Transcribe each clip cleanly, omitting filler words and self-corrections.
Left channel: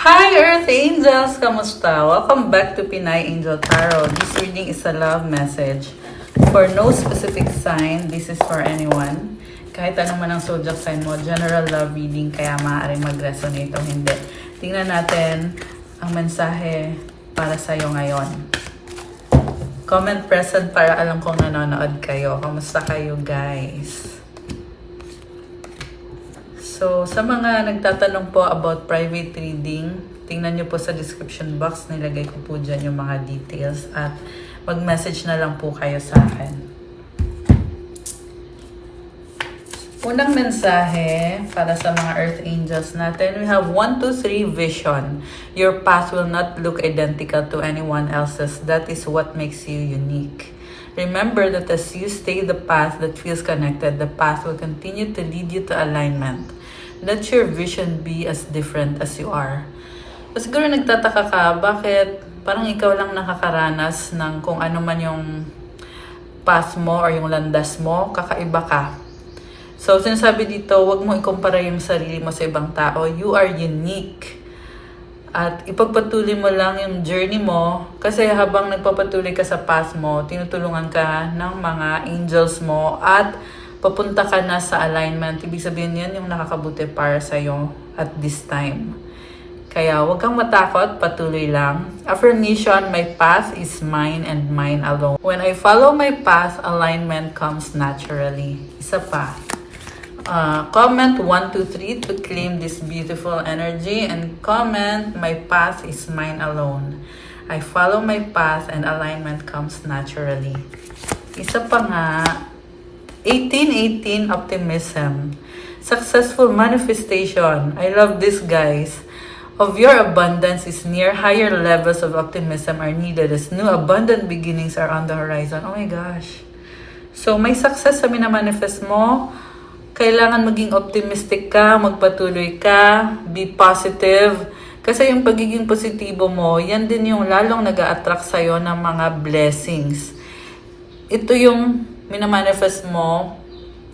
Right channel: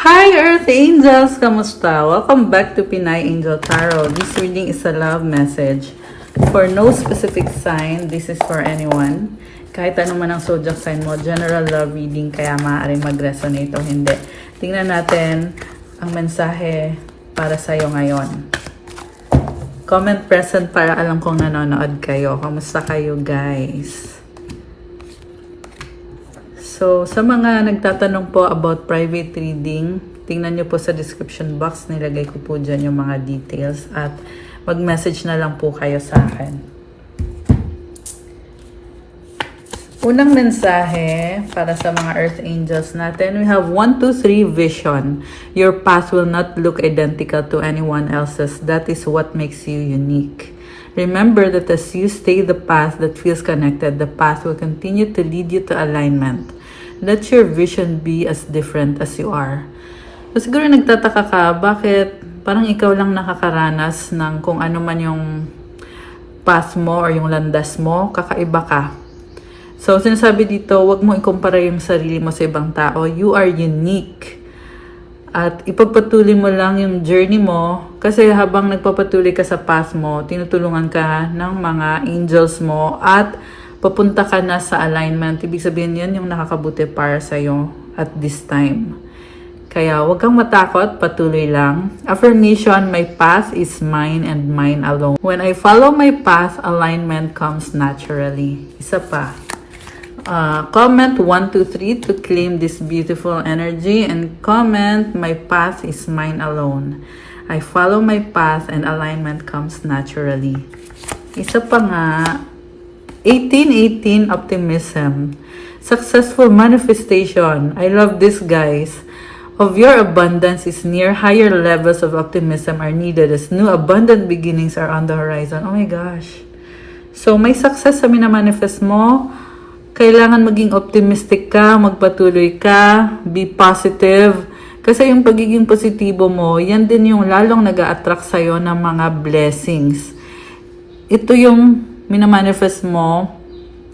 Hi Earth Angels! Kamusta? Welcome back to Pinay Angel Tarot. This reading is a love message. For no specific sign, this is for anyone. Kahit ano man ang zodiac sign mo, general love reading, kaya maaaring mag-resonate o hindi. Tingnan natin ang mensahe para sa iyo ngayon. Comment present para alam kong nanonood kayo. Kamusta kayo guys? So, sa mga nagtatanong po about private reading, tingnan nyo po sa description box, nilagay ko po dyan yung mga details at mag-message na lang po kayo sa akin. Unang mensahe para sa mga Earth Angels natin, we have 1, 2, 3 vision. Your path will not look identical to anyone else's. That is what makes you unique. Remember that as you stay the path that feels connected, the path will continue to lead you to alignment. Let your vision be as different as you are. So, siguro nagtataka ka, bakit parang ikaw lang nakakaranas ng kung ano man yung path mo or yung landas mo, kakaiba ka. So, sinasabi dito, wag mo ikumpara yung sarili mo sa ibang tao. You are unique. At ipagpatuloy mo lang yung journey mo kasi habang nagpapatuloy ka sa path mo, tinutulungan ka ng mga angels mo at papunta ka na sa alignment. Ibig sabihin yan yung nakakabuti para sa'yo at this time. Kaya huwag kang matakot, patuloy lang. Affirmation, my path is mine and mine alone. When I follow my path, alignment comes naturally. Isa pa. Comment 1, 2, 3 to claim this beautiful energy and comment, my path is mine alone. I follow my path and alignment comes naturally. Isa pa nga, 1818 optimism. Successful manifestation. I love this guys. Of your abundance is near, higher levels of optimism are needed as new abundant beginnings are on the horizon. Oh my gosh. So may success sa minamanifest mo. Kailangan maging optimistic ka, magpatuloy ka, be positive. Kasi yung pagiging positibo mo, yan din yung lalong nag-a-attract sa'yo ng mga blessings. Ito yung minamanifest mo,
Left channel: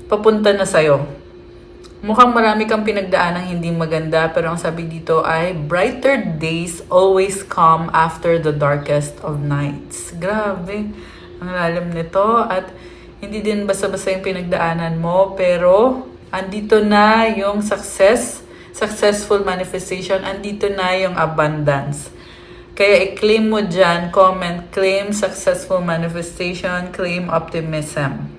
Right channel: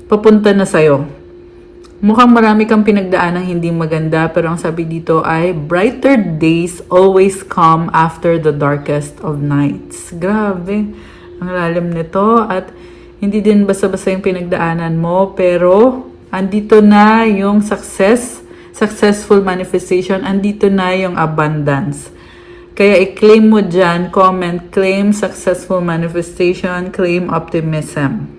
papunta na sa'yo. Mukhang marami kang pinagdaan ng hindi maganda, pero ang sabi dito ay, brighter days always come after the darkest of nights. Grabe, ang lalim nito. At hindi din basta-basta yung pinagdaanan mo, pero andito na yung successful manifestation, andito na yung abundance. Kaya i-claim mo dyan, comment, claim successful manifestation, claim optimism.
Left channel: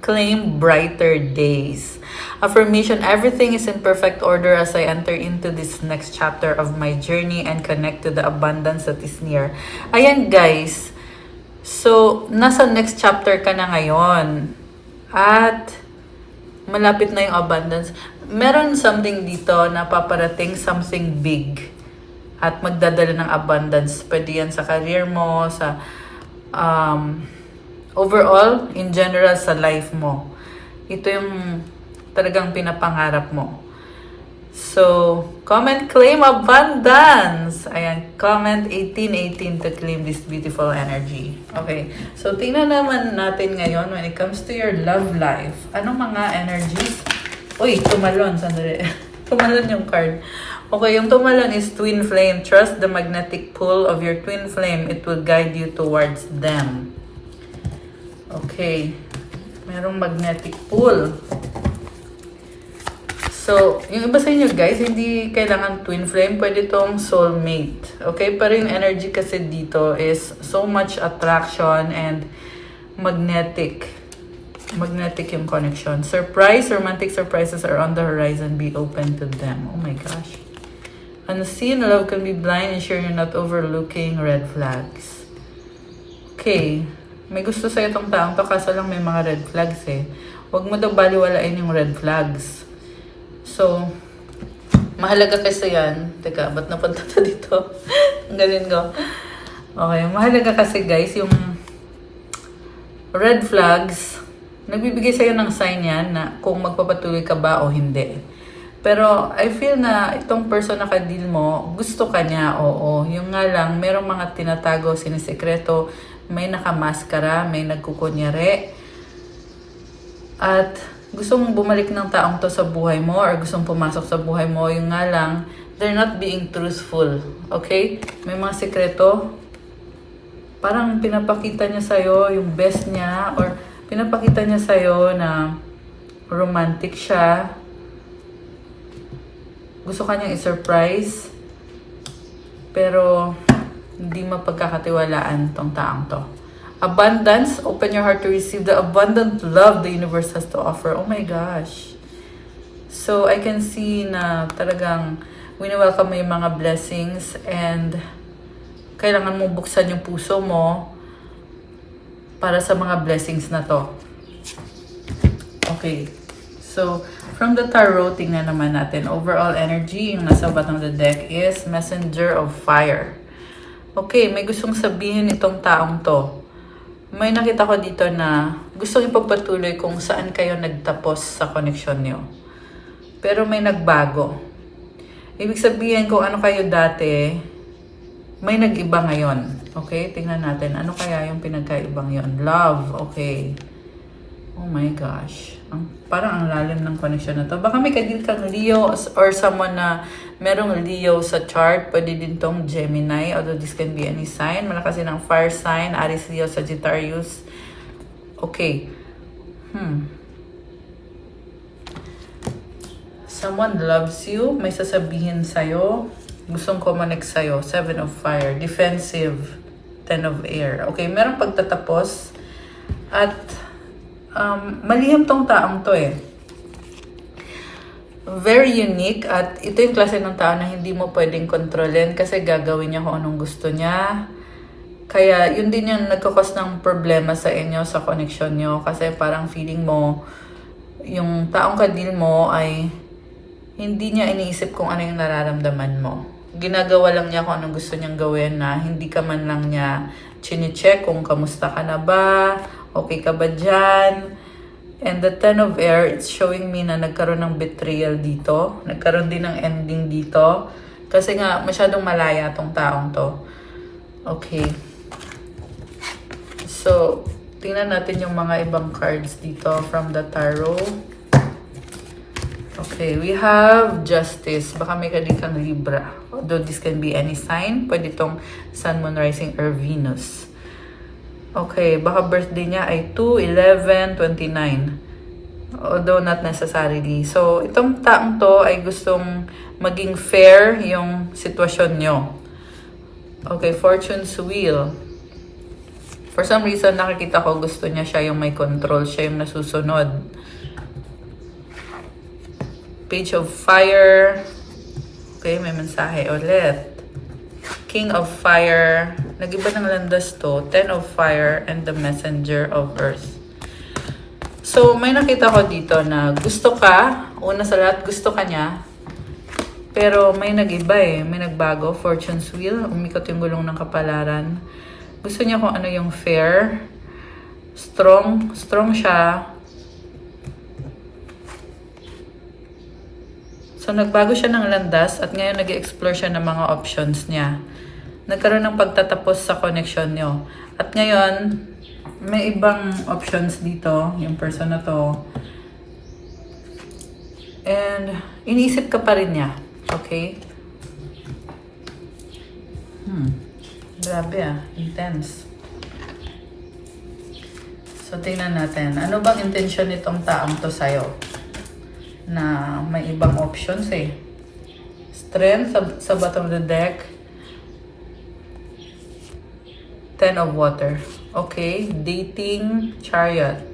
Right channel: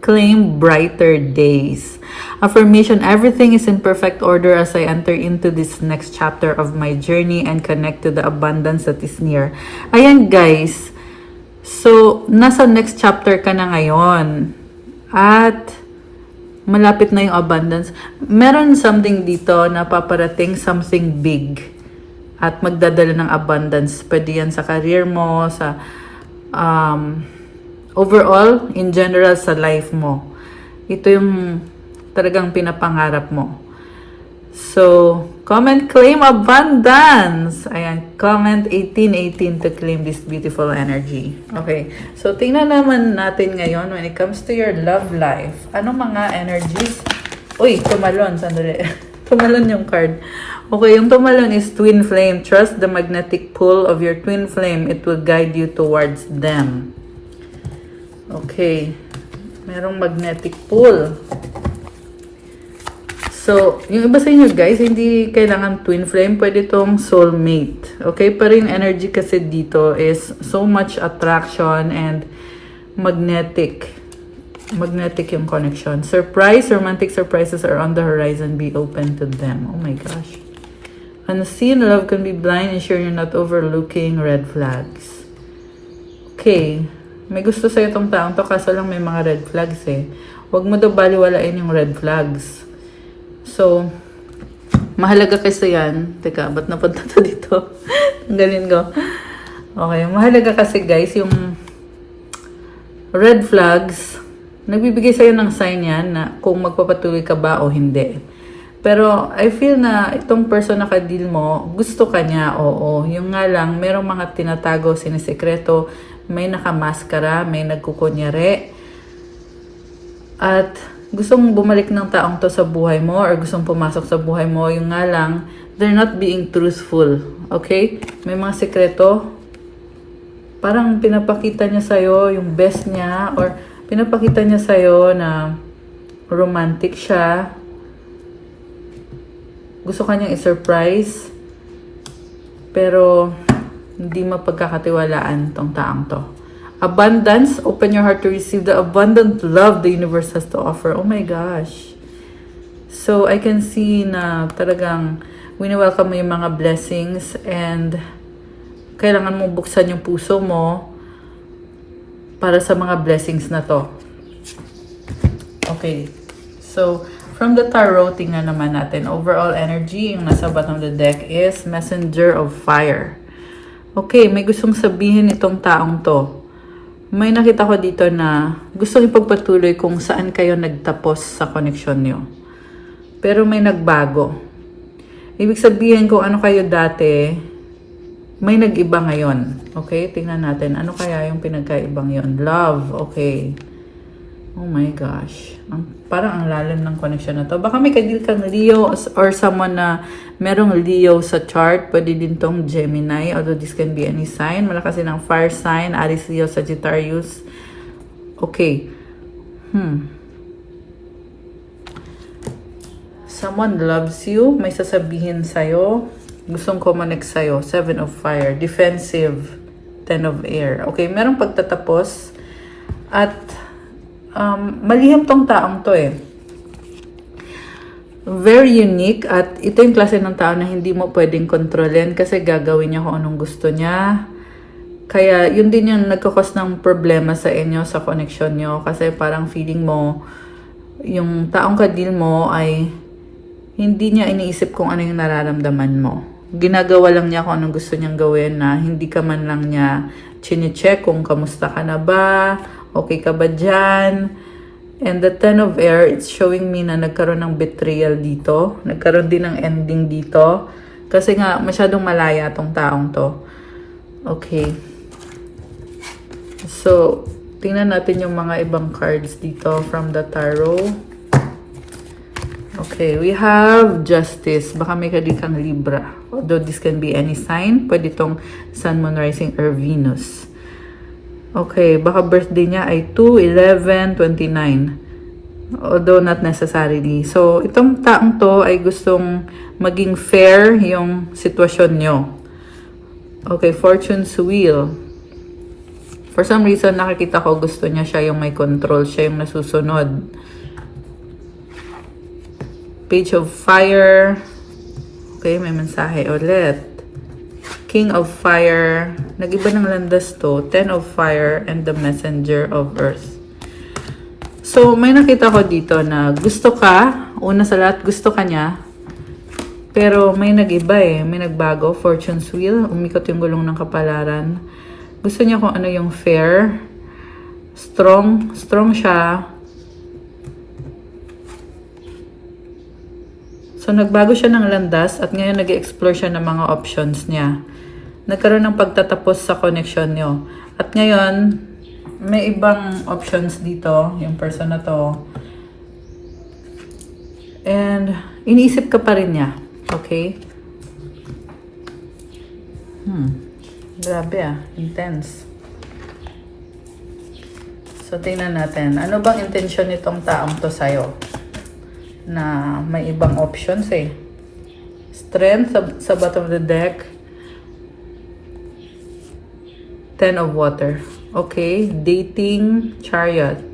Claim brighter days. Affirmation, everything is in perfect order as I enter into this next chapter of my journey and connect to the abundance that is near. Ayan guys, so nasa next chapter ka na ngayon. At malapit na yung abundance. Meron something dito na paparating, something big. At magdadala ng abundance. Pwede yan sa career mo, sa overall, in general, sa life mo. Ito yung talagang pinapangarap mo. So, comment, claim abundance. Ayan, comment 1818 to claim this beautiful energy. Okay, so tingnan naman natin ngayon when it comes to your love life. Ano mga energies? Uy, tumalon, sandali. Tumalon yung card. Okay, yung tumalon is twin flame. Trust the magnetic pull of your twin flame. It will guide you towards them. Okay, merong magnetic pull. So, yung iba sa inyo guys, hindi kailangan twin flame, pwede itong soulmate. Okay, pero yung energy kasi dito is so much attraction and magnetic. Magnetic yung connection. Surprise, romantic surprises are on the horizon. Be open to them. Oh my gosh. Unseen love can be blind. Ensure you're not overlooking red flags. Okay. May gusto sa'yo itong taong to, kaso lang may mga red flags eh. Huwag mo daw baliwalain yung red flags. So, mahalaga kasi yan. Teka, ba't napunta to dito? Ganin ko. Okay, mahalaga kasi guys, yung red flags, nagbibigay sa'yo ng sign yan na kung magpapatuloy ka ba o hindi. Pero I feel na itong person na ka-deal mo, gusto ka niya, oo. Yung nga lang, merong mga tinatago, sinisekreto, may nakamaskara, may nagkukunyari. At gusto mong bumalik ng taong to sa buhay mo or gusto mong pumasok sa buhay mo, yung nga lang, they're not being truthful. Okay? May mga sekreto. Parang pinapakita niya sa'yo yung best niya or pinapakita niya sa'yo na romantic siya. Gusto ka niyang i-surprise. Pero hindi mapagkakatiwalaan tong taong to. Abundance, open your heart to receive the abundant love the universe has to offer. Oh my gosh. So, I can see na talagang wini-welcome mo yung mga blessings and kailangan mo buksan yung puso mo para sa mga blessings na to. Okay. So, from the tarot, tingnan naman natin. Overall energy, yung nasa bottom of the deck is Messenger of Fire. Okay, may gustong sabihin itong taong to. May nakita ko dito na gusto ipagpatuloy kung saan kayo nagtapos sa koneksyon nyo. Pero may nagbago. Ibig sabihin kung ano kayo dati, may nag-iba ngayon. Okay, tingnan natin. Ano kaya yung pinagkaibang yon? Love, okay. Oh my gosh. Parang ang lalim ng connection na to. Baka may kadil kang Leo or someone na merong Leo sa chart. Pwede din tong Gemini. Although this can be any sign. Malakas din ang fire sign. Aries, Leo, Sagittarius. Okay. Someone loves you. May sasabihin sa'yo. Gustong connect sa'yo. 7 of fire. Defensive. 10 of air. Okay. Merong pagtatapos. At malihim tong taong to eh. Very unique at ito yung klase ng tao na hindi mo pwedeng kontrolin kasi gagawin niya kung anong gusto niya. Kaya yun din yung nagkakos ng problema sa inyo, sa connection nyo. Kasi parang feeling mo, yung taong kadil mo ay hindi niya iniisip kung ano yung nararamdaman mo. Ginagawa lang niya kung anong gusto niyang gawin na hindi ka man lang niya chine-check kung kamusta ka na ba, okay ka ba dyan? And the 10 of air, it's showing me na nagkaroon ng betrayal dito. Nagkaroon din ng ending dito. Kasi nga, masyadong malaya tong taong to. Okay. So, tingnan natin yung mga ibang cards dito from the tarot. Okay, we have Justice. Baka may kadikang Libra. Although this can be any sign. Pwede itong Sun, Moon, Rising, or Venus. Okay, baka birthday niya ay 2/11/29. Although not necessarily. So, itong taong to ay gustong maging fair yung sitwasyon nyo. Okay, Fortune's Wheel. For some reason, nakikita ko gusto niya siya yung may control. Siya yung nasusunod. Page of Fire. Okay, may mensahe ulit. King of Fire. Nag-iba ng landas to. 10 of Fire and the Messenger of Earth. So, may nakita ko dito na gusto ka. Una sa lahat, gusto ka niya. Pero may nag-iba eh. May nagbago. Fortune's Wheel. Umikot yung gulong ng kapalaran. Gusto niya kung ano yung fair. Strong. Strong siya. So, nagbago siya ng landas at ngayon nag-explore siya ng mga options niya. Nagkaroon ng pagtatapos sa connection nyo. At ngayon, may ibang options dito, yung person na to. And, iniisip ka pa rin niya. Okay? Grabe ah. Intense. So, tingnan natin. Ano bang intention nitong taong to sa'yo? Na may ibang options eh. Strength sa bottom of the deck. 10 of water. Okay. Dating. Chariot.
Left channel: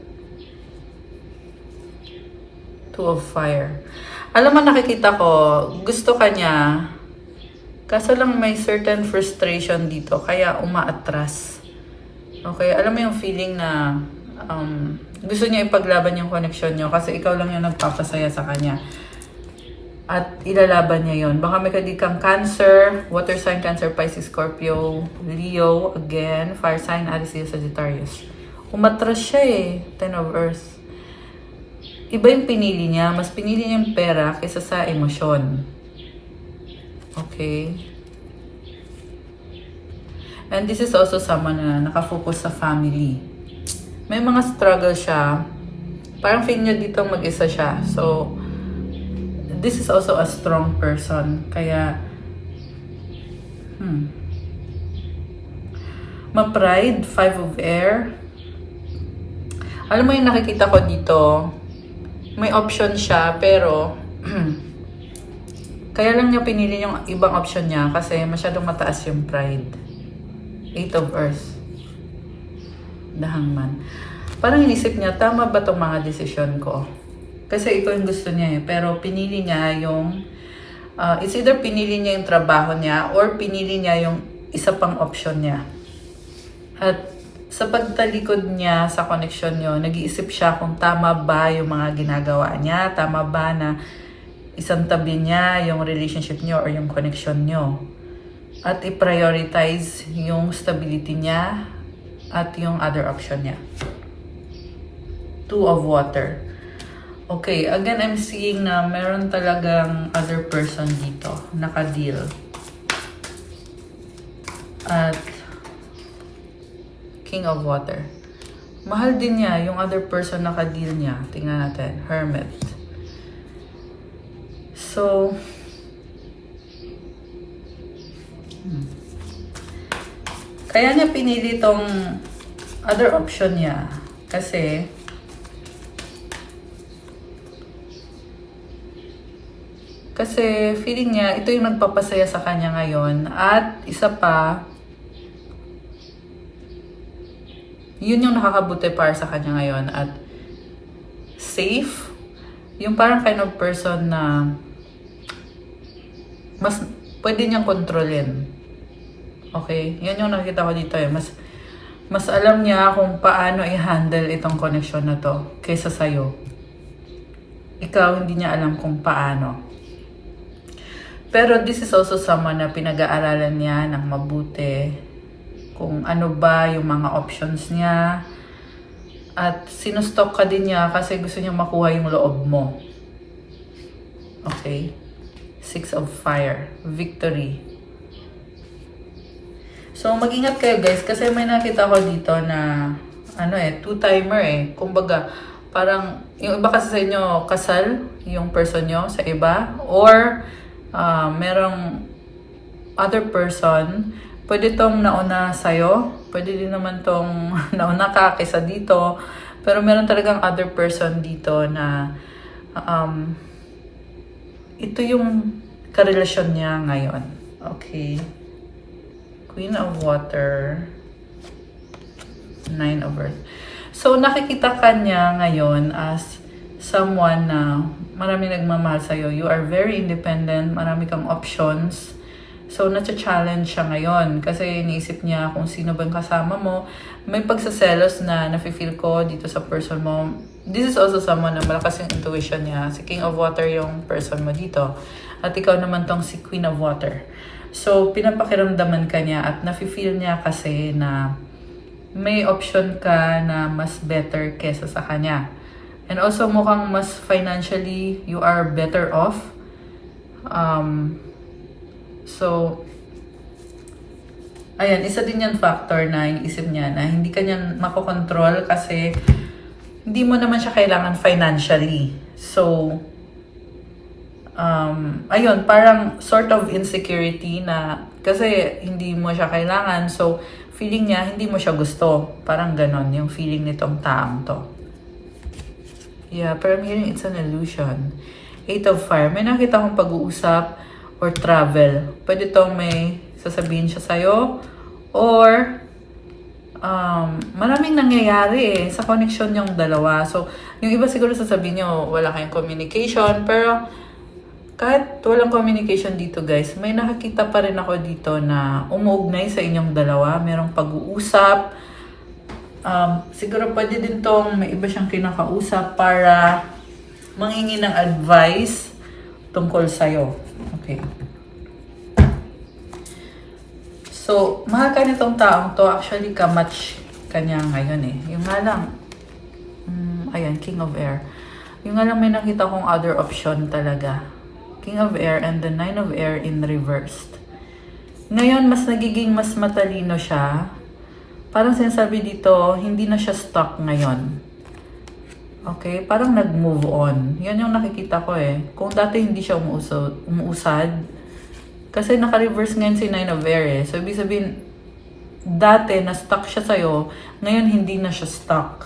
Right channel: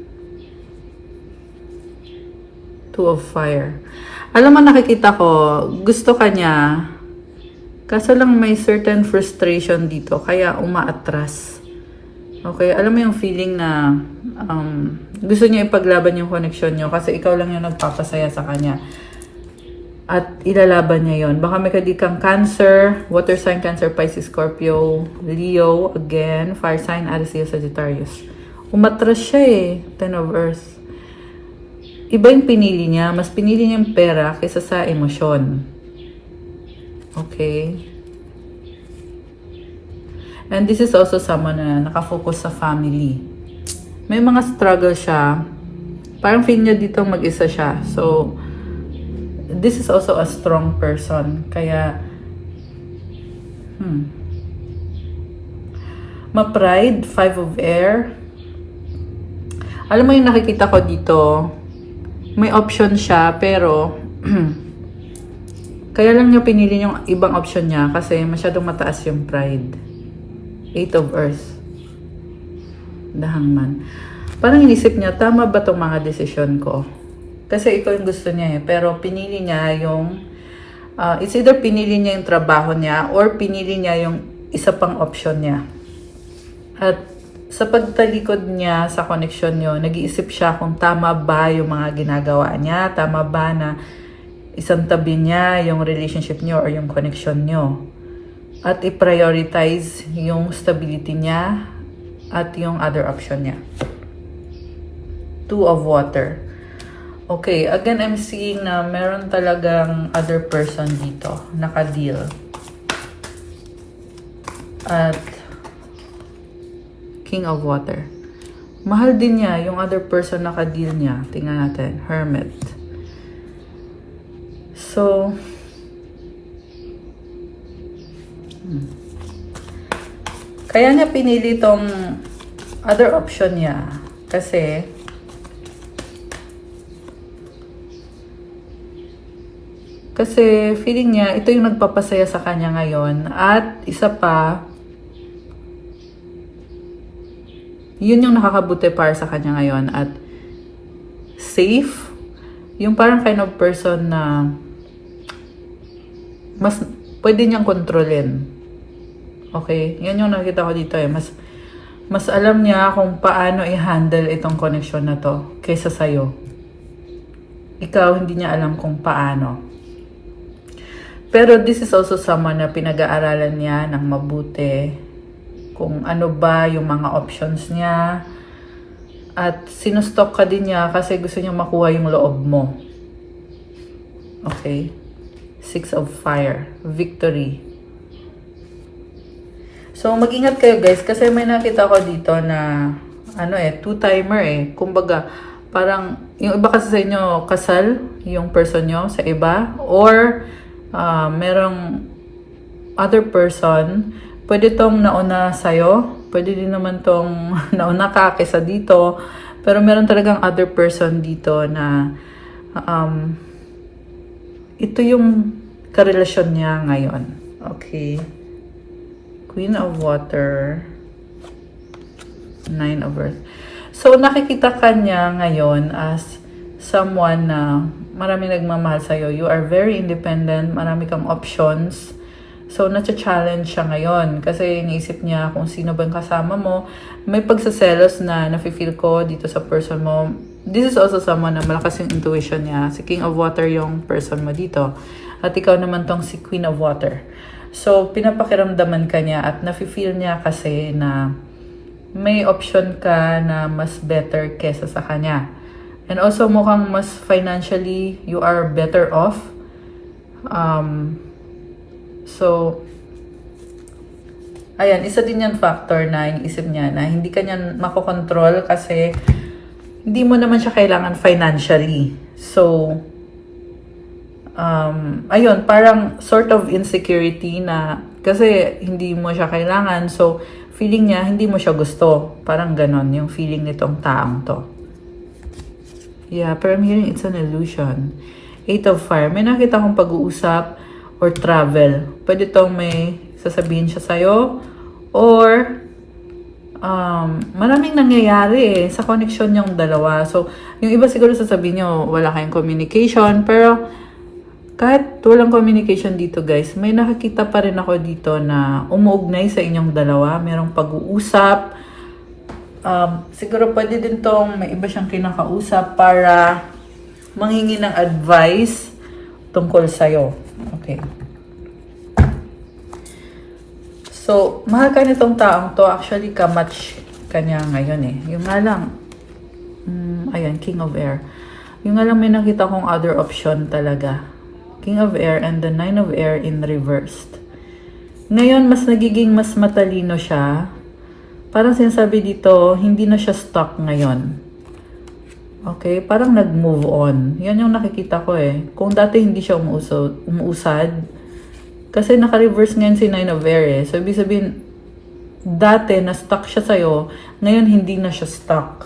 2 of fire. Alam mo, nakikita ko, gusto ka niya. Kaso lang may certain frustration dito. Kaya umaatras. Okay. Alam mo yung feeling na gusto niya ipaglaban yung connection niyo kasi ikaw lang yung nagpapasaya sa kanya. At ilalaban niya yon. Baka may kadikang Cancer, Water sign, Cancer, Pisces, Scorpio, Leo, again, Fire sign, Aries, Leo, Sagittarius. Umatras siya eh, 10 of Earth. Iba yung pinili niya. Mas pinili niya yung pera kaysa sa emosyon. Okay. And this is also someone na nakafocus sa family. May mga struggle siya, Parang feel niya dito mag-isa siya. So, this is also a strong person. Kaya, ma-pride, 5 of air. Alam mo yung nakikita ko dito, may option siya, pero kaya lang niya pinili yung ibang option niya kasi masyadong mataas yung pride. 8 of earth. The Hangman. Parang inisip niya, tama ba itong mga desisyon ko? Kasi ito yung gusto niya eh. Pero pinili niya yung, it's either pinili niya yung trabaho niya or pinili niya yung isa pang option niya. At sa pagtalikod niya sa connection niyo, nag-iisip siya kung tama ba yung mga ginagawa niya, tama ba na isang tabi niya yung relationship niyo or yung connection niyo. At i-prioritize yung stability niya at yung other option niya. 2 of water. Okay, again, I'm seeing na meron talagang other person dito, naka-deal. At King of water. Mahal din niya yung other person naka-deal niya. Tingnan natin, Hermit. So, kaya niya pinili tong other option niya. Kasi, feeling niya, ito yung nagpapasaya sa kanya ngayon. At isa pa, yun yung nakakabuti para sa kanya ngayon. At safe, yung parang kind of person na mas pwede niyang kontrolin. Okay? Yan yung nakita ko dito eh. Mas alam niya kung paano i-handle itong connection na to kaysa sa'yo. Ikaw, hindi niya alam kung paano. Pero this is also someone na pinag-aaralan niya ng mabuti kung ano ba yung mga options niya. At sinustop ka din niya kasi gusto niya makuha yung loob mo. Okay? 6 of fire. Victory. So, mag-ingat kayo guys kasi may nakita ko dito na two-timer eh. Kumbaga, parang yung iba kasi sa inyo kasal yung person nyo sa iba or merong other person, pwede tong nauna sa'yo, pwede din naman tong nauna ka kaysa dito, pero meron talagang other person dito na ito yung karelasyon niya ngayon. Okay. Queen of water, 9 of earth. So, nakikita ka niya ngayon as someone na marami nagmamahal sa'yo. You are very independent, marami kang options. So, na-challenge siya ngayon kasi iniisip niya kung sino bang kasama mo. May pagsaselos na nafe-feel ko dito sa person mo. This is also someone na malakas yung intuition niya. Si King of Water yung person mo dito. At ikaw naman tong si Queen of Water. So, pinapakiramdaman ka niya at nafe-feel niya kasi na may option ka na mas better kesa sa kanya. And also, mukhang mas financially, you are better off. So, ayan, isa din yung factor na inisip niya na hindi ka niya makokontrol kasi hindi mo naman siya kailangan financially. So, ayun, parang sort of insecurity na kasi hindi mo siya kailangan. So, feeling niya, hindi mo siya gusto. Parang ganon yung feeling nitong taong to. Yeah, pero I'm hearing it's an illusion. 8 of fire. May nakita akong pag-uusap or travel. Pwede tong may sasabihin siya sa'yo or maraming nangyayari sa connection yung dalawa. So, yung iba siguro sasabihin nyo, wala kayong communication. Pero, kahit walang communication dito guys, may nakakita pa rin ako dito na umuugnay sa inyong dalawa. Merong pag-uusap. Siguro pwede din tong may iba siyang kinakausap para manghingi ng advice tungkol sa'yo. Okay. So, mahal ka nitong taong to. Actually, kamatch ka niya ngayon eh. Yung nga lang, ayan, King of Air. Yung nga lang may nakita kong other option talaga. King of Air and the 9 of Air in reversed. Ngayon, mas nagiging mas matalino siya. Parang sinasabi dito, hindi na siya stuck ngayon. Okay, parang nag-move on. Yan yung nakikita ko eh. Kung dati hindi siya umuusad, kasi naka-reverse ngayon si Nine of Air eh. So, ibig sabihin, dati na-stuck siya sa'yo, ngayon hindi na siya stuck.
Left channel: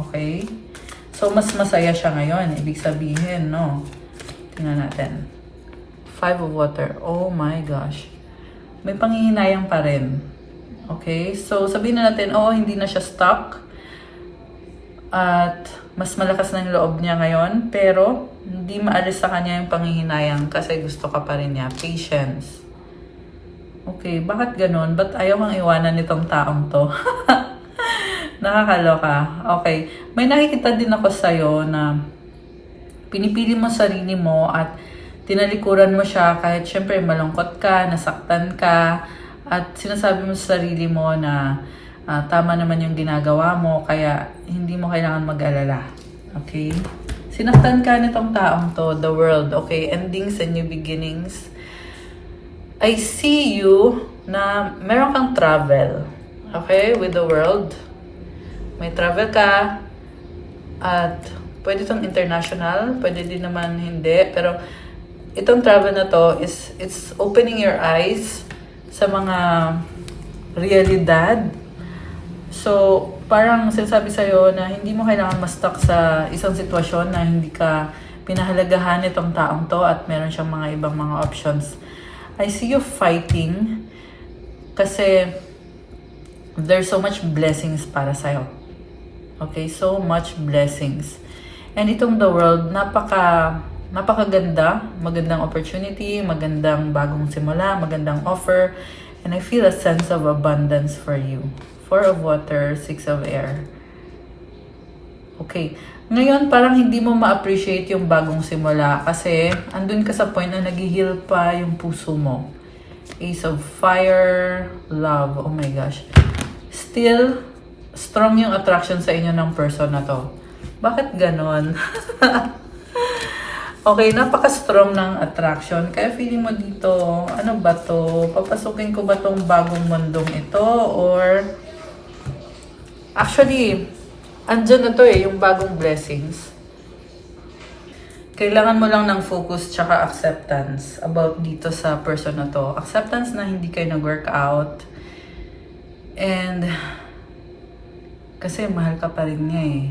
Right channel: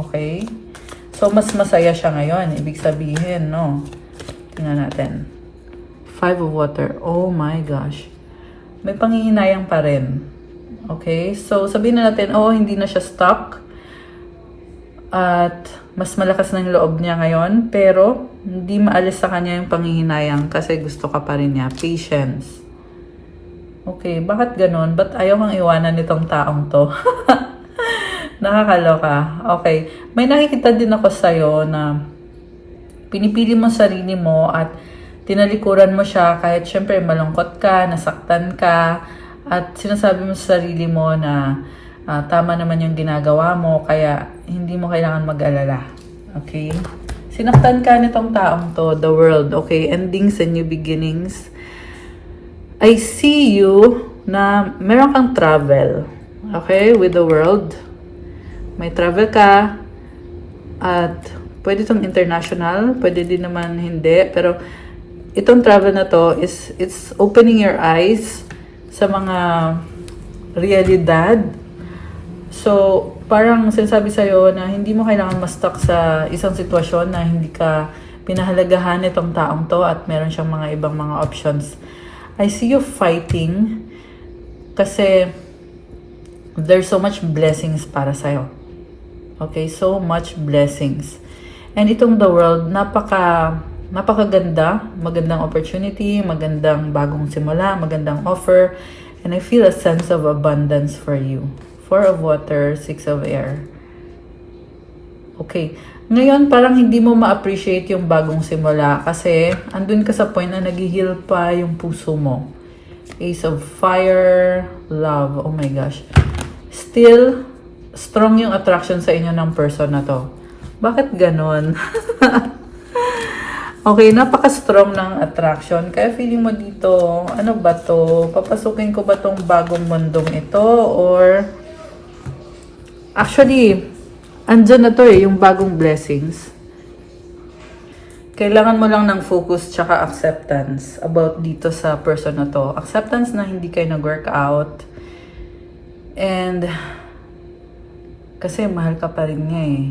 Okay? So, mas masaya siya ngayon. Ibig sabihin, no? Tingnan natin. Five of Water. Oh my gosh. May panghihinayang pa rin. Okay? So, sabihin na natin, hindi na siya stuck. At mas malakas ng loob niya ngayon, pero hindi maalis sa kanya yung panghihinayang kasi gusto ka pa rin niya. Patience. Okay, bakit ganun? Ba't ayaw kang iwanan nitong taong to? Nakakaloka. Okay, may nakikita din ako sa'yo na pinipili mo sarili mo at tinalikuran mo siya kahit syempre malungkot ka, nasaktan ka, at sinasabi mo sa sarili mo na tama naman yung ginagawa mo, kaya hindi mo kailangan mag-alala. Okay? Sinaktan ka nitong taong to, the world. Okay? Endings and new beginnings. I see you na meron kang travel. Okay? With the world. May travel ka. At pwede itong international. Pwede din naman hindi. Pero itong travel na to it's opening your eyes sa mga realidad. So, parang sinasabi sa'yo na hindi mo kailangan ma-stuck sa isang sitwasyon na hindi ka pinahalagahan itong taong to at meron siyang mga ibang mga options. I see you fighting kasi there's so much blessings para sa'yo. Okay? So much blessings. And itong the world, napakaganda, magandang opportunity, magandang bagong simula, magandang offer, and I feel a sense of abundance for you. Four of Water, Six of Air. Okay. Ngayon, parang hindi mo ma-appreciate yung bagong simula kasi andun ka sa point na nag-heal pa yung puso mo. Ace of Fire, Love. Oh my gosh. Still, strong yung attraction sa inyo ng person na to. Bakit ganon? Okay, napaka-strong ng attraction. Kaya feeling mo dito, ano ba to? Papasukin ko ba tong bagong mundong ito? Or actually, andyan na to yung bagong blessings. Kailangan mo lang ng focus tsaka acceptance about dito sa person na to. Acceptance na hindi kayo nag-work out. And kasi mahal ka pa rin niya eh.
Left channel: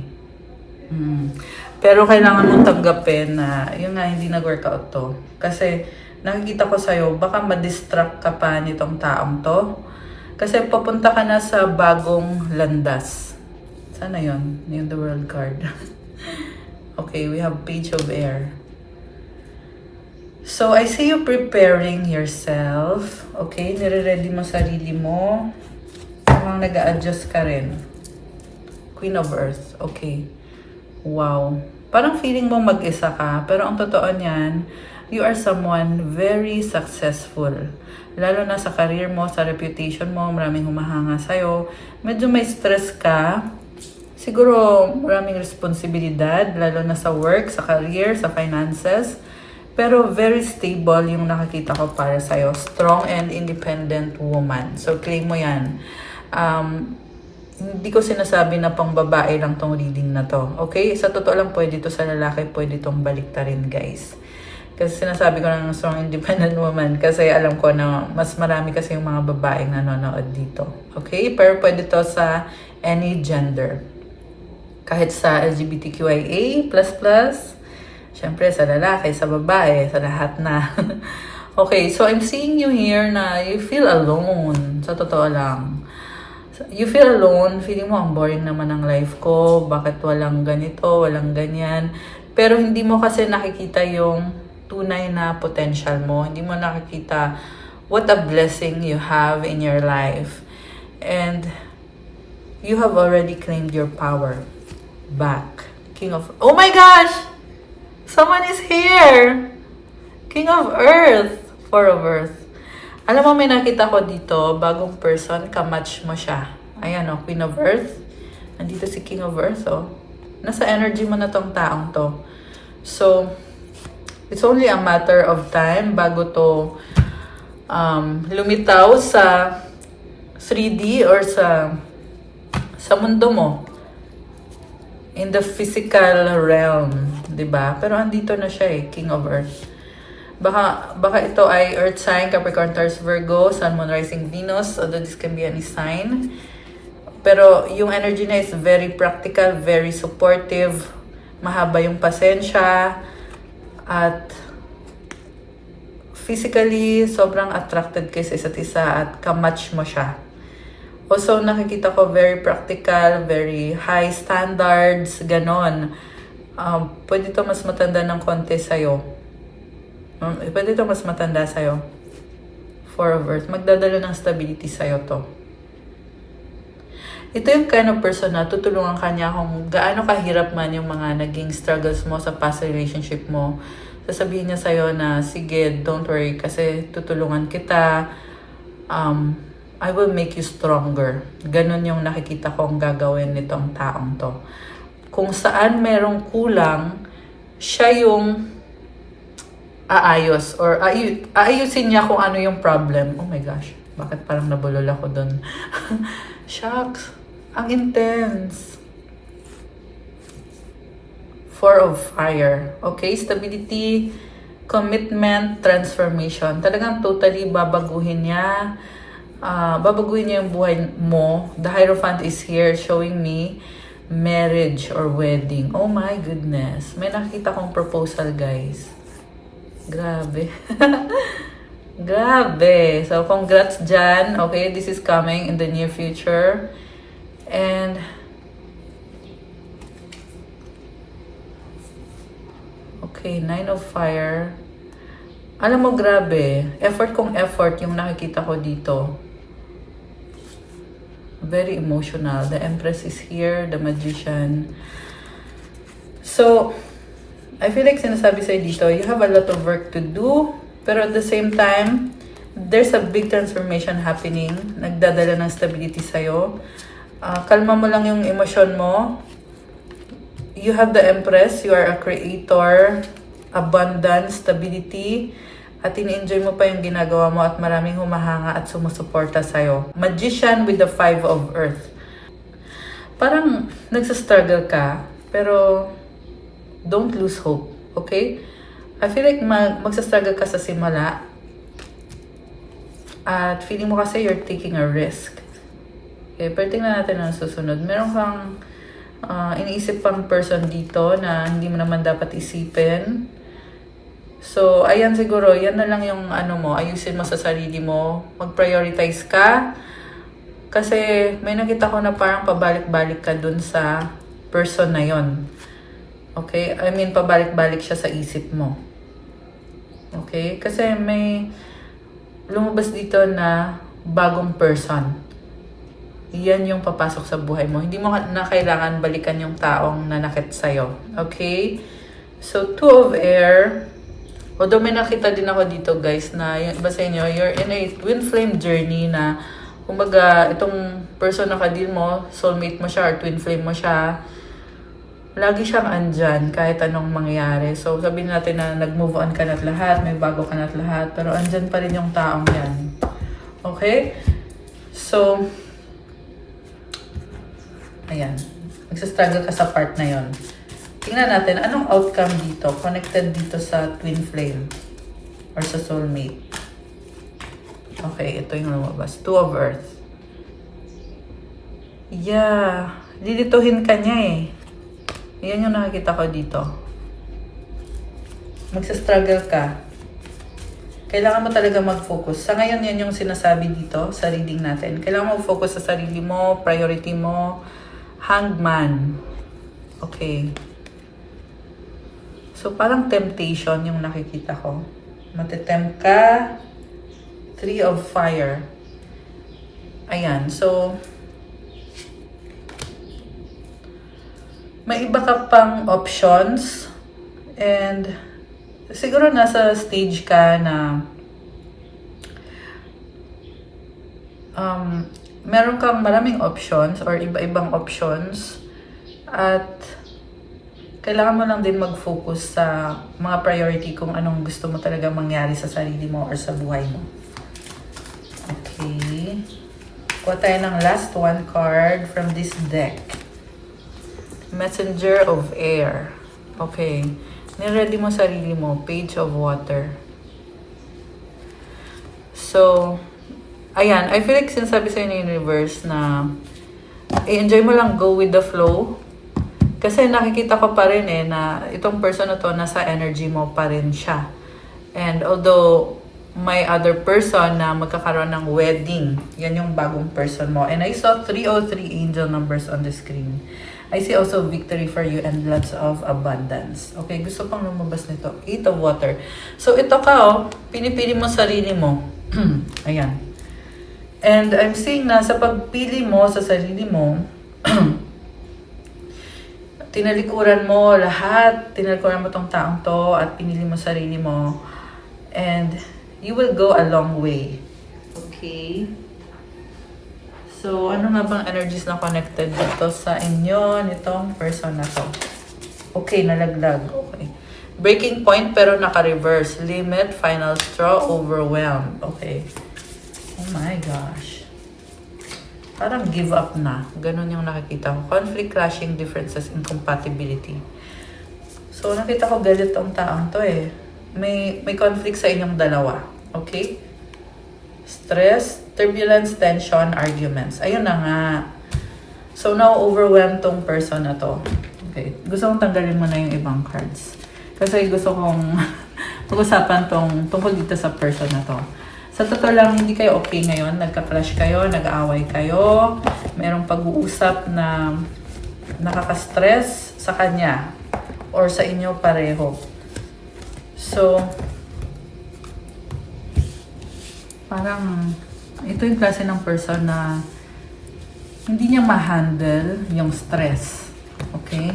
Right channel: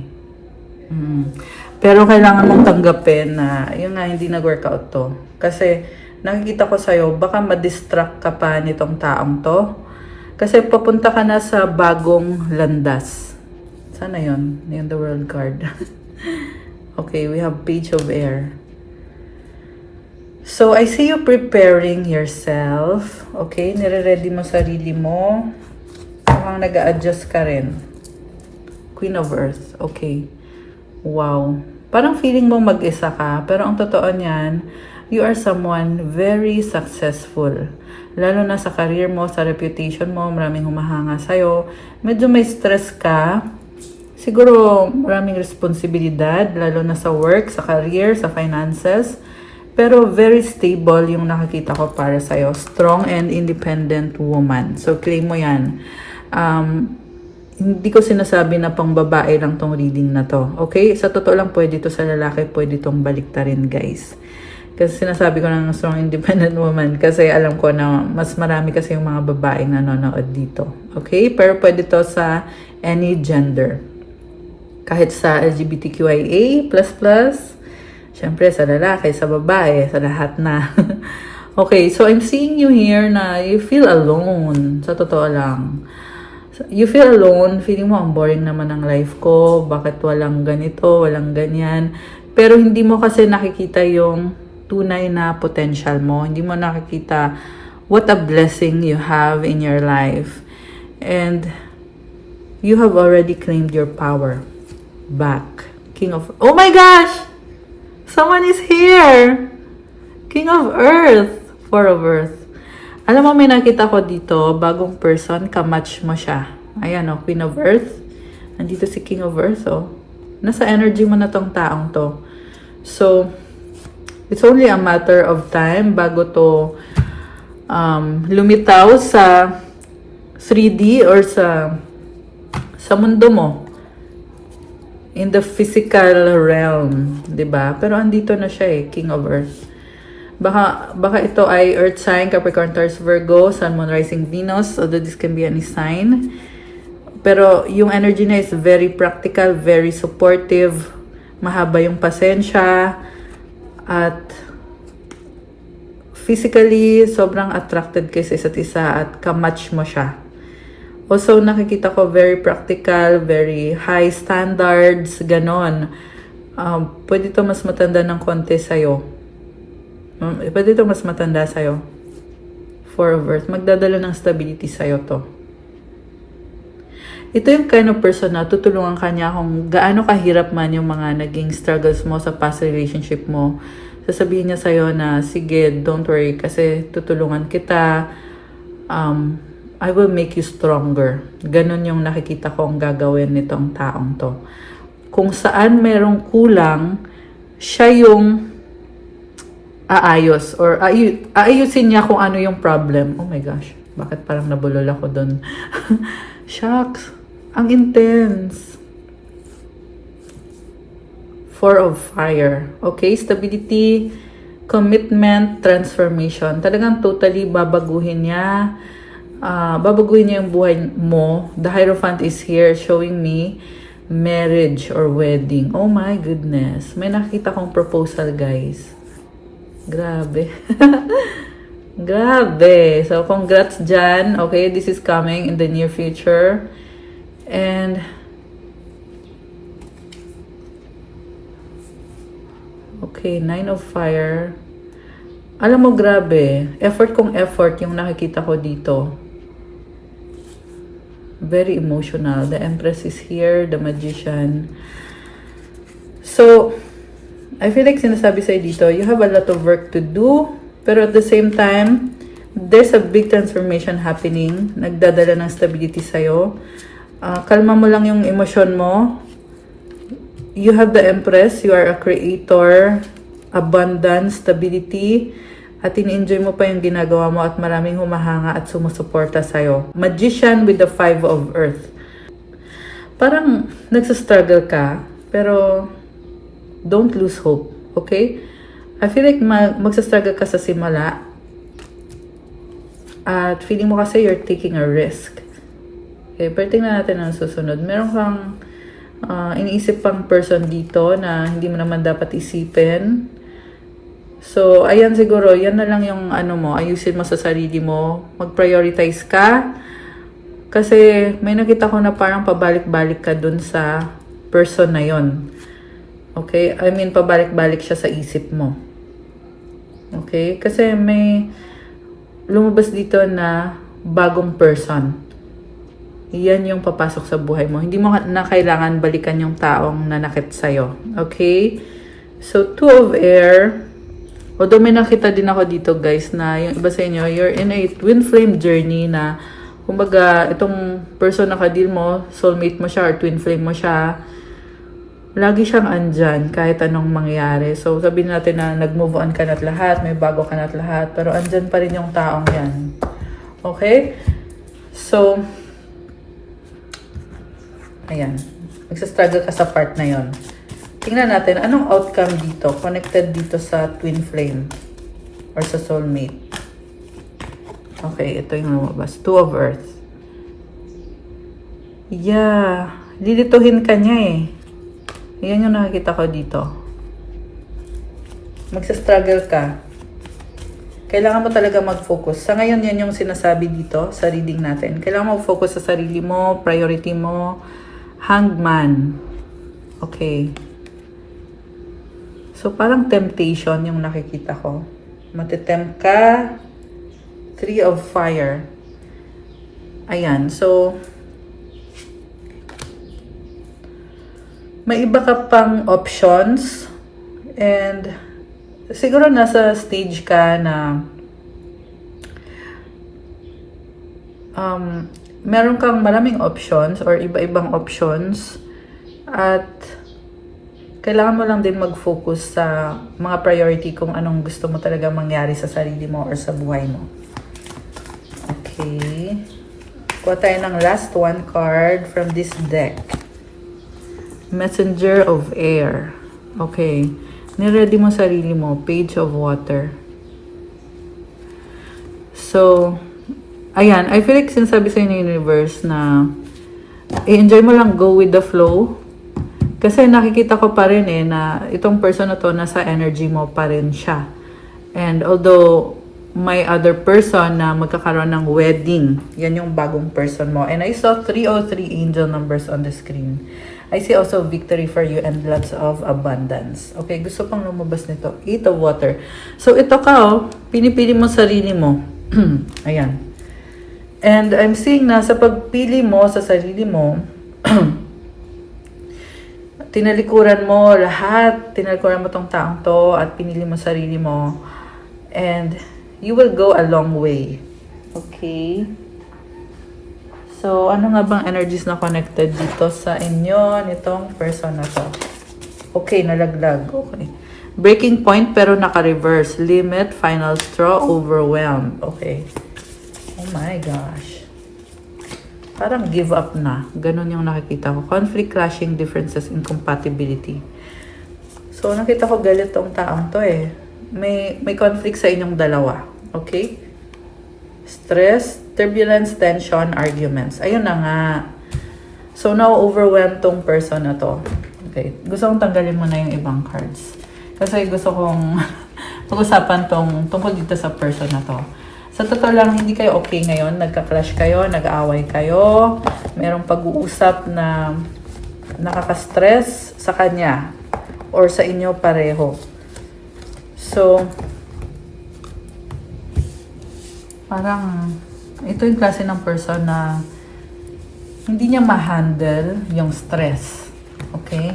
Pero kailangan mong tanggapin na yun nga hindi nag-work out to. Kasi nakikita ko sa'yo, baka ma-distract ka pa nitong taong to. Kasi papunta ka na sa bagong landas. Sana yun? Yung the world card. Okay, we have Page of Air. So, I see you preparing yourself. Okay, nire-ready mo sarili mo. Parang nag-a-adjust ka rin. Queen of Earth. Okay. Wow. Parang feeling mo mag-isa ka. Pero ang totoo niyan, you are someone very successful. Lalo na sa career mo, sa reputation mo, maraming humahanga sa'yo. Medyo may stress ka. Siguro maraming responsibilidad, lalo na sa work, sa career, sa finances. Pero very stable yung nakikita ko para sa'yo. Strong and independent woman. So claim mo yan. Hindi ko sinasabi na pang babae lang tong reading na to. Okay? Sa totoo lang, pwede to sa lalaki, pwede tong baliktarin, guys. Kasi sinasabi ko ng strong independent woman kasi alam ko na mas marami kasi yung mga babaeng nanonood dito. Okay? Pero pwede to sa any gender. Kahit sa LGBTQIA++, syempre sa lalaki, sa babae, sa lahat na. Okay, so I'm seeing you here na you feel alone. Sa totoo lang. You feel alone, feeling mo ang boring naman ng life ko, bakit walang ganito, walang ganyan. Pero hindi mo kasi nakikita yung tunay na potential mo. Hindi mo nakikita what a blessing you have in your life. And you have already claimed your power back. King of... Oh my gosh! Someone is here! King of Earth. Four of Earth. Alam mo, may nakita ko dito, bagong person, kamatch mo siya. Ayan o, Queen of Earth. Nandito si King of Earth, oh. Nasa energy mo na tong taong to. So, it's only a matter of time bago to lumitaw sa 3D or sa mundo mo. in the physical realm, 'di ba? Pero andito na siya King of Earth. Baka ito ay Earth sign, Capricorn, Taurus, Virgo, Sun, Moon, Rising, Venus, although this can be any sign. Pero yung energy na is very practical, very supportive, mahaba yung pasensya, at physically, sobrang attracted kayo sa isa't isa at kamatch mo siya. Also, nakikita ko very practical, very high standards, ganon. Pwede ito mas matanda ng konti sa'yo. Pwede ito mas matanda sa'yo. Four of Earth. Magdadala ng stability sa'yo to. Ito yung kind of person na tutulungan ka niya kung gaano kahirap man yung mga naging struggles mo sa past relationship mo. Sasabihin niya sa'yo na, sige, don't worry, kasi tutulungan kita. I will make you stronger. Ganon yung nakikita ko ang gagawin nitong taong to. Kung saan merong kulang, siya yung aayos or aayusin niya kung ano yung problem. Oh my gosh, bakit parang nabulol ako dun? Shucks, ang intense. Four of Fire. Okay, stability, commitment, transformation. Talagang totally babaguhin niya. Babaguhin niya yung buhay mo. The Hierophant is here showing me marriage or wedding. Oh my goodness. May nakita kong proposal, guys. Grabe. Grabe. So, congrats dyan. Okay, this is coming in the near future. And okay, Nine of Fire. Alam mo, grabe. Effort kong effort yung nakikita ko dito. Very emotional. The Empress is here. The Magician. So, I feel like sinasabi sa'yo dito, you have a lot of work to do. Pero at the same time, there's a big transformation happening. Nagdadala ng stability sa'yo. Kalma mo lang yung emosyon mo. You have the Empress. You are a creator. Abundance, stability. At in-enjoy mo pa yung ginagawa mo at maraming humahanga at sumusuporta sa'yo. Magician with the Five of Earth. Parang nagsastruggle ka, pero don't lose hope, okay? I feel like magsastruggle ka sa simula. At feeling mo kasi you're taking a risk. Okay, pero tingnan natin ang susunod. Meron kang iniisip pang person dito na hindi mo naman dapat isipin. So, ayan siguro, yan na lang yung ano mo, ayusin mo sa sarili mo, mag-prioritize ka. Kasi may nakita ko na parang pabalik-balik ka dun sa person na yon. Okay? I mean, pabalik-balik siya sa isip mo. Okay? Kasi may lumabas dito na bagong person. Yan yung papasok sa buhay mo. Hindi mo na kailangan balikan yung taong nanakit sa'yo. Okay? So, Two of Air. Although may nakita din ako dito, guys, na yung iba sa inyo, you're in a twin flame journey na, kumbaga, itong person na kadil mo, soulmate mo siya or twin flame mo siya, lagi siyang andyan kahit anong mangyari. So, sabihin natin na nag-move on ka na't lahat, may bago ka na't lahat, pero andyan pa rin yung taong yan. Okay? So, ayan. Nagsastruggle ka sa part na yon. Tingnan natin, anong outcome dito? Connected dito sa twin flame or sa soulmate. Okay, ito yung lumabas. Two of Earth. Yeah. Lilituhin ka niya eh. Yan yung nakikita ko dito. Magsa-struggle ka. Kailangan mo talaga mag-focus. Sa ngayon, yan yung sinasabi dito sa reading natin. Kailangan mo focus sa sarili mo, priority mo. Hangman. Okay. So, parang temptation yung nakikita ko. Matitempt ka. Three of Fire. Ayan. So, may iba ka pang options. And, siguro nasa stage ka na meron kang maraming options or iba-ibang options. At, kailangan mo lang din mag-focus sa mga priority kung anong gusto mo talaga mangyari sa sarili mo or sa buhay mo. Okay. Kuha tayo ng last one card from this deck. Messenger of air. Okay. Niready mo sarili mo. Page of water. So, ayan. I feel like sinasabi sa inyo universe na i-enjoy mo lang, go with the flow. Kasi nakikita ko pa rin na itong person na to, nasa energy mo pa rin siya. And although may other person na magkakaroon ng wedding, yan yung bagong person mo. And I saw 303 angel numbers on the screen. I see also victory for you and lots of abundance. Okay, gusto kong lumabas nito. 8 of water. So ito ka, pinipili mo sarili mo. Ayan. And I'm seeing na sa pagpili mo sa sarili mo, tinalikuran mo lahat, tinalikuran mo tong taong to, at pinili mo sarili mo. And you will go a long way. Okay? So, ano nga bang energies na connected dito sa inyo, nitong person na to? Okay, nalaglag. Okay. Breaking point pero naka-reverse. Limit, final straw, overwhelmed. Okay. Oh my gosh. Parang give up na. Ganon yung nakikita ko. Conflict, clashing, differences, incompatibility. So, nakita ko galit tong taong to May conflict sa inyong dalawa. Okay? Stress, turbulence, tension, arguments. Ayun na nga. So, na-overwhelm tong person na to. Okay. Gusto kong tanggalin mo na yung ibang cards. Kasi gusto kong pag-usapan tungkol dito sa person na to. Sa totoo lang, hindi kayo okay ngayon. Nagka-crush kayo, nag-aaway kayo. Merong pag-uusap na nakaka-stress sa kanya or sa inyo pareho. So, parang ito yung klase ng person na hindi niya ma-handle yung stress. Okay?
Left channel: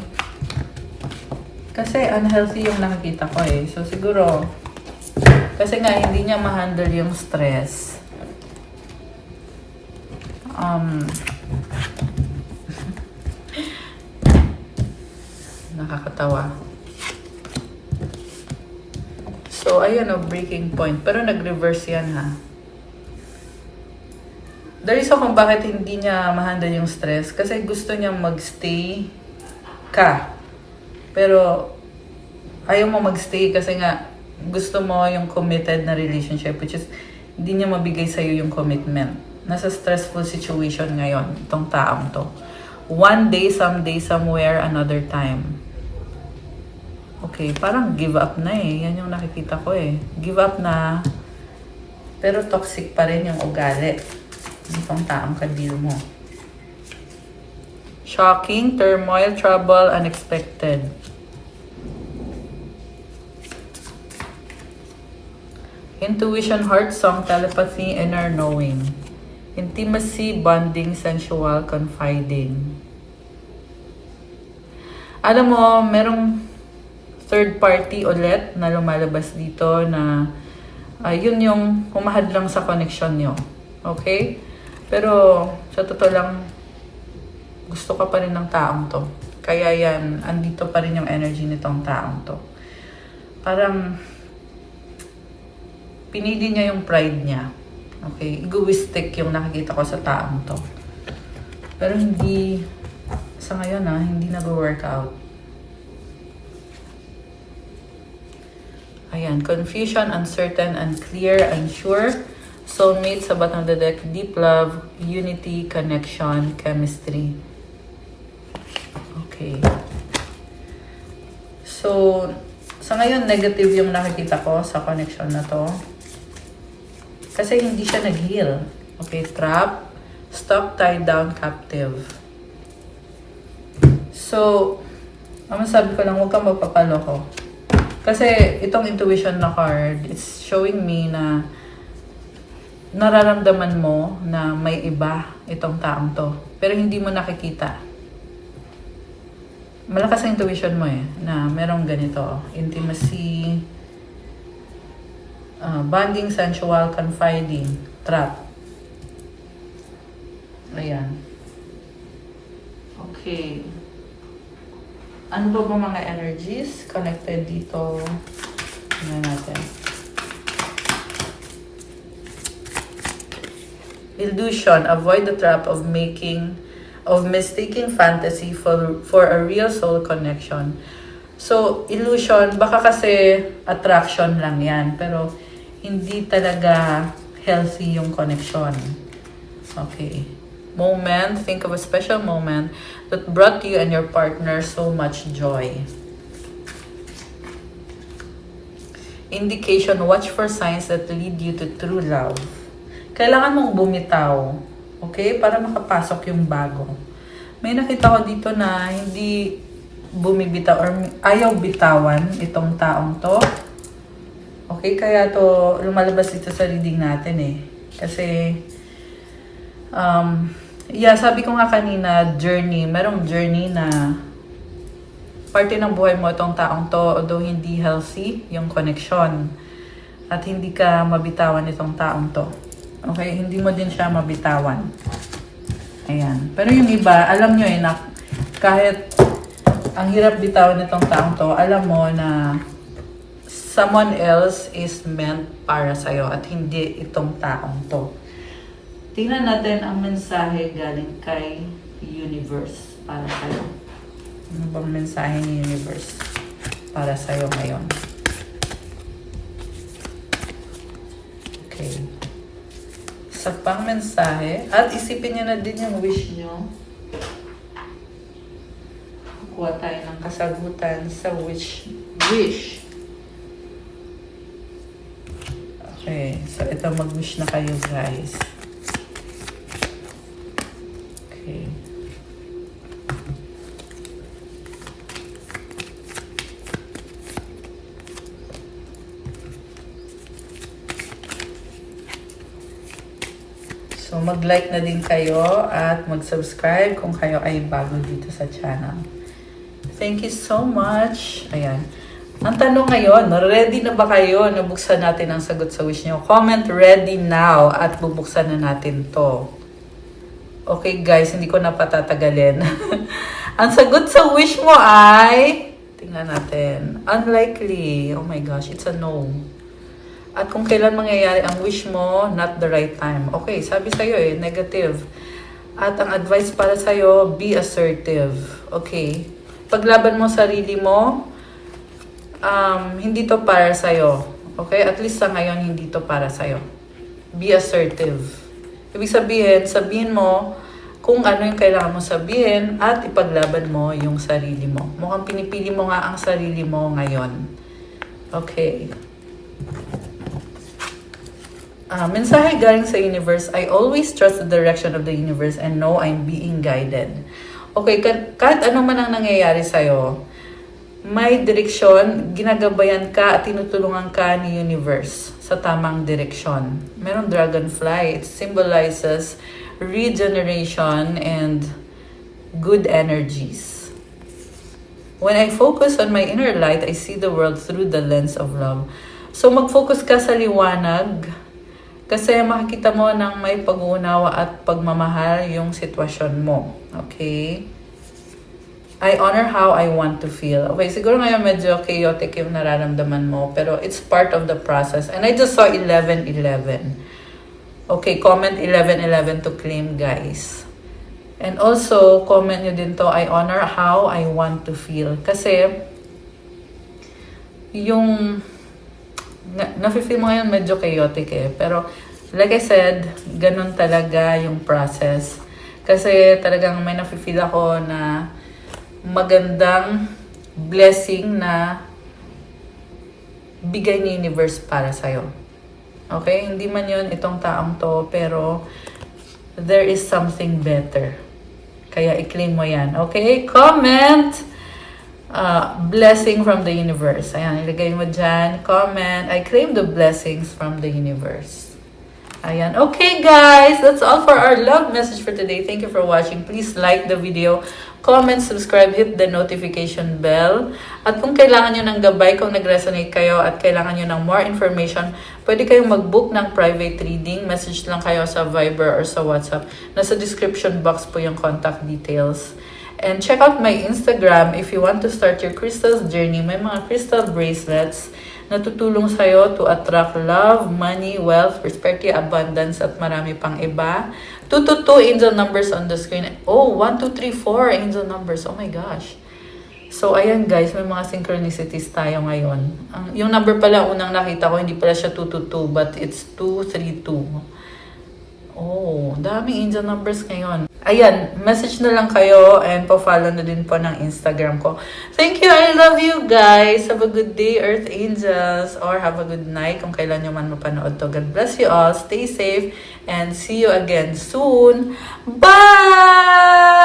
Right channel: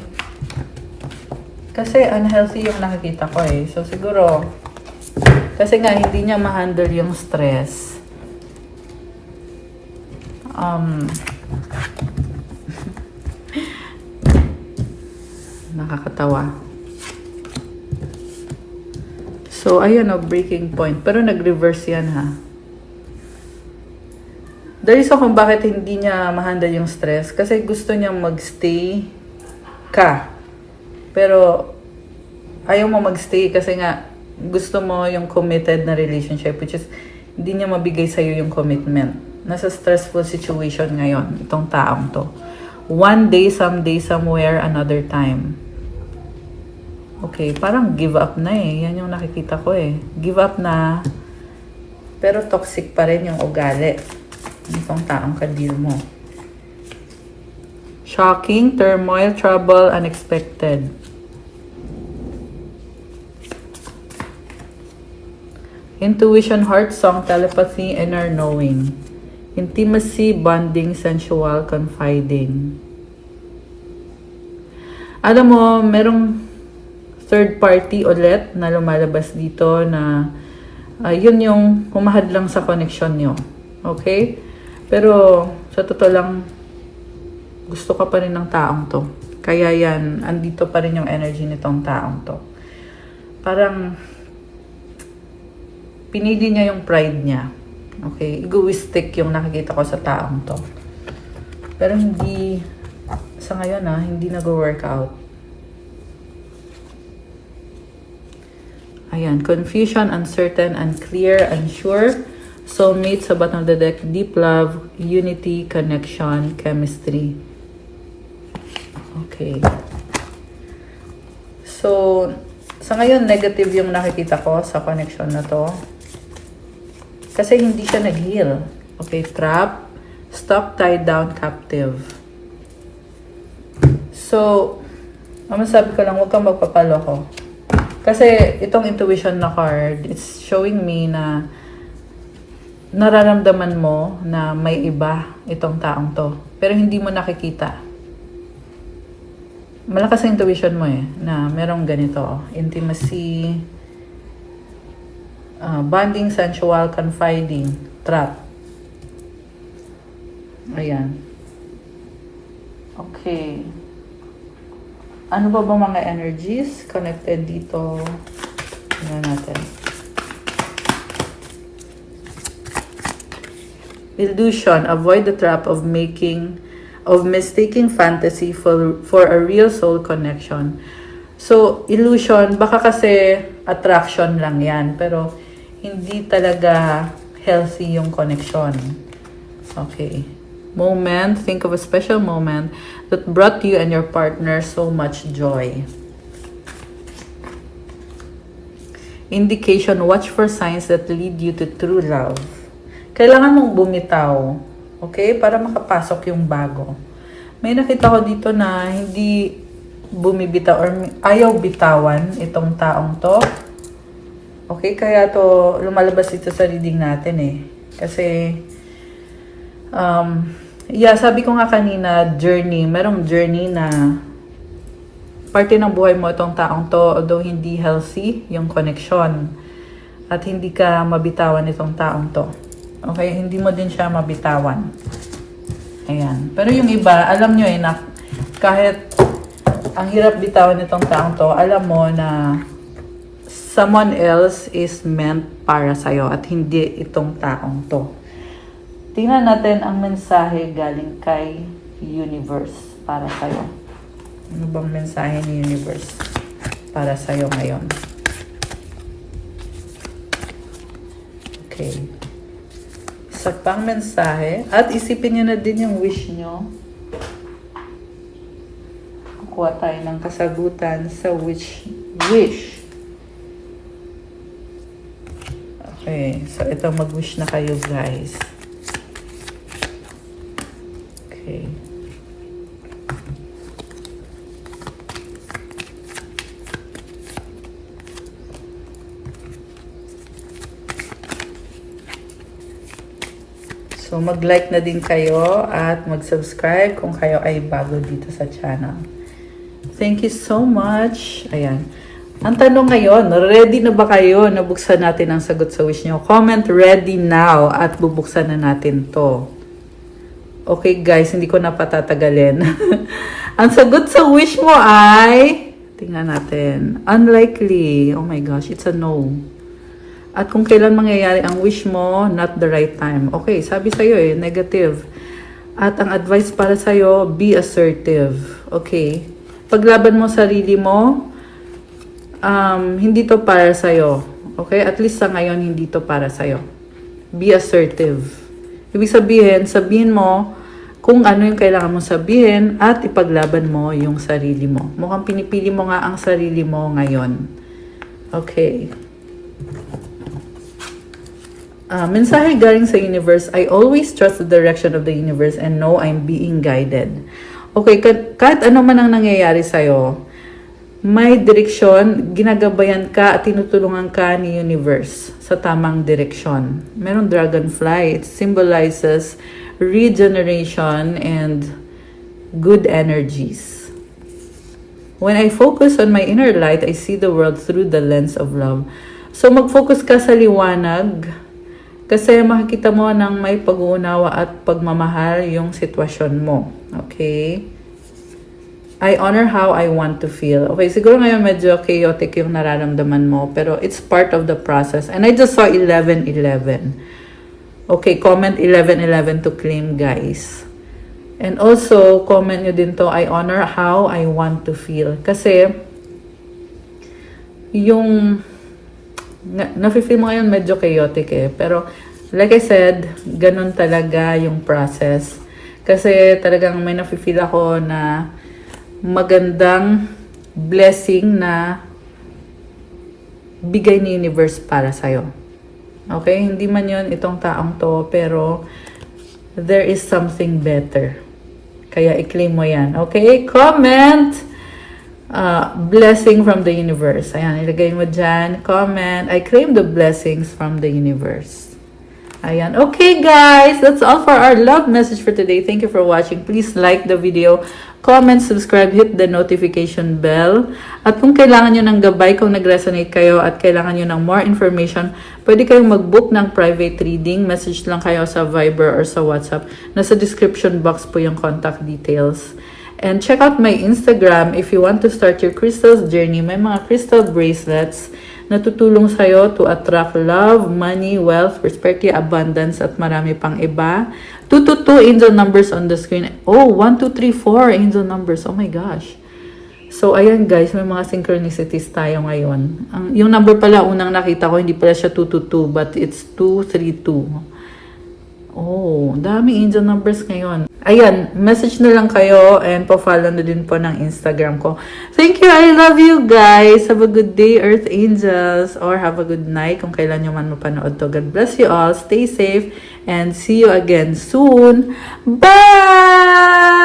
Kasi unhealthy yung nakikita ko So, siguro, kasi nga hindi niya ma-handle yung stress. Nakakatawa. So, ayan breaking point. Pero nag-reverse yan The reason kung bakit hindi niya ma-handle yung stress, kasi gusto niya mag-stay ka. Pero, ayaw mo mag-stay kasi nga, gusto mo yung committed na relationship, which is, hindi niya mabigay sa'yo yung commitment. Nasa stressful situation ngayon, itong taong to. One day, someday, somewhere, another time. Okay, parang give up na Yan yung nakikita ko Give up na. Pero toxic pa rin yung ugali. Itong taong ka-deal mo. Shocking, turmoil, trouble, unexpected. Intuition, heart song, telepathy, inner knowing. Intimacy, bonding, sensual, confiding. Alam mo, merong third party ulit na lumalabas dito na yun yung humahad lang sa connection nyo. Okay? Pero sa totoo lang, gusto ka pa rin ng taong to. Kaya yan, andito pa rin yung energy nitong taong to. Parang pinili niya yung pride niya. Okay? Egoistic yung nakikita ko sa taong to. Pero hindi, sa ngayon hindi nag-work out. Ayan, confusion, uncertain, unclear, unsure. Soulmate sa bottom of the deck, deep love, unity, connection, chemistry. Okay. So, sa ngayon, negative yung nakikita ko sa connection na to. Kasi hindi siya nag-heal. Okay, trap, stuck, tied down, captive. So, sabi ko lang, huwag kang magpapaloko. Kasi itong intuition na card, it's showing me na nararamdaman mo na may iba itong taong to. Pero hindi mo nakikita. Malakas ang intuition mo na merong ganito. Intimacy, bonding, sensual, confiding, trap. Ayan. Okay. Ano ba mga energies connected dito? Ayan natin. Illusion. Avoid the trap of of mistaking fantasy for a real soul connection. So, illusion, baka kasi attraction lang yan, pero hindi talaga healthy yung connection. Okay. Moment, think of a special moment that brought you and your partner so much joy. Indication, watch for signs that lead you to true love. Kailangan mong bumitaw, okay? Para makapasok yung bago. May nakita ko dito na hindi bumibitaw or ayaw bitawan itong taong to. Okay, kaya to lumalabas ito sa reading natin eh. Kasi, sabi ko nga kanina, journey. Merong journey na parte ng buhay mo itong taong to, although hindi healthy yung connection. At hindi ka mabitawan itong taong to. Okay, hindi mo din siya mabitawan. Ayan. Pero yung iba, alam nyo eh, na kahit ang hirap bitawan itong taong to, alam mo na someone else is meant para sa'yo at hindi itong taong to. Tingnan natin ang mensahe galing kay Universe para sa'yo. Ano bang mensahe ni Universe para sa'yo ngayon? Okay. Isa pang mensahe. At isipin nyo na din yung wish nyo. Kuha tayo ng kasagutan sa wish. Okay, so ito mag-wish na kayo guys. Okay. So mag-like na din kayo at mag-subscribe kung kayo ay bago dito sa channel. Thank you so much. Ayan. Ang tanong ngayon, ready na ba kayo na buksan natin ang sagot sa wish nyo? Comment ready now at bubuksan na natin to. Okay guys, hindi ko na patatagalin. Ang sagot sa wish mo ay, tingnan natin, unlikely. Oh my gosh, it's a no. At kung kailan mangyayari ang wish mo, not the right time. Okay, sabi sa'yo eh, negative. At ang advice para sa'yo, be assertive. Okay. Paglaban mo sarili mo, hindi to para sa'yo. Okay? At least sa ngayon, hindi to para sa'yo. Be assertive. Ibig sabihin mo kung ano yung kailangan mong sabihin at ipaglaban mo yung sarili mo. Mukhang pinipili mo nga ang sarili mo ngayon. Okay. Mensahe galing sa universe, I always trust the direction of the universe and know I'm being guided. Okay, kahit ano man ang nangyayari sa'yo, may direksyon, ginagabayan ka at tinutulungan ka ni universe sa tamang direksyon. Merong dragonfly. It symbolizes regeneration and good energies. When I focus on my inner light, I see the world through the lens of love. So mag-focus ka sa liwanag kasi makikita mo ng may pag-uunawa at pagmamahal yung sitwasyon mo. Okay? I honor how I want to feel. Okay, siguro ngayon medyo chaotic yung nararamdaman mo, pero it's part of the process. And I just saw 11-11. Okay, comment 11-11 to claim, guys. And also, comment nyo din to, I honor how I want to feel. Kasi, yung nafe-feel mo ngayon medyo chaotic eh. Pero, like I said, ganun talaga yung process. Kasi talagang may nafe-feel ako na magandang blessing na bigay ni universe para sa'yo. Okay? Hindi man yun itong taong to, pero there is something better. Kaya i-claim mo yan. Okay? Comment! Blessing from the universe. Ayan, ilagay mo dyan. Comment, I claim the blessings from the universe. Ayan. Okay, guys. That's all for our love message for today. Thank you for watching. Please like the video, comment, subscribe, hit the notification bell. At kung kailangan nyo ng gabay, kung nag-resonate kayo at kailangan nyo ng more information, pwede kayong mag-book ng private reading. Message lang kayo sa Viber or sa WhatsApp. Nasa description box po yung contact details. And check out my Instagram if you want to start your crystals journey. May mga crystal bracelets natutulong sa'yo to attract love, money, wealth, prosperity, abundance, at marami pang iba. 222 angel numbers on the screen. Oh, 1, 2, 3, 4 angel numbers. Oh my gosh. So, ayan guys, may mga synchronicities tayo ngayon. Yung number pala, unang nakita ko, hindi pala siya 222, but it's 232. Oh, dami angel numbers ngayon. Ayan, message na lang kayo and po-follow na din po ng Instagram ko. Thank you, I love you guys. Have a good day, Earth Angels. Or have a good night kung kailan nyo man mapanood to. God bless you all. Stay safe and see you again soon. Bye!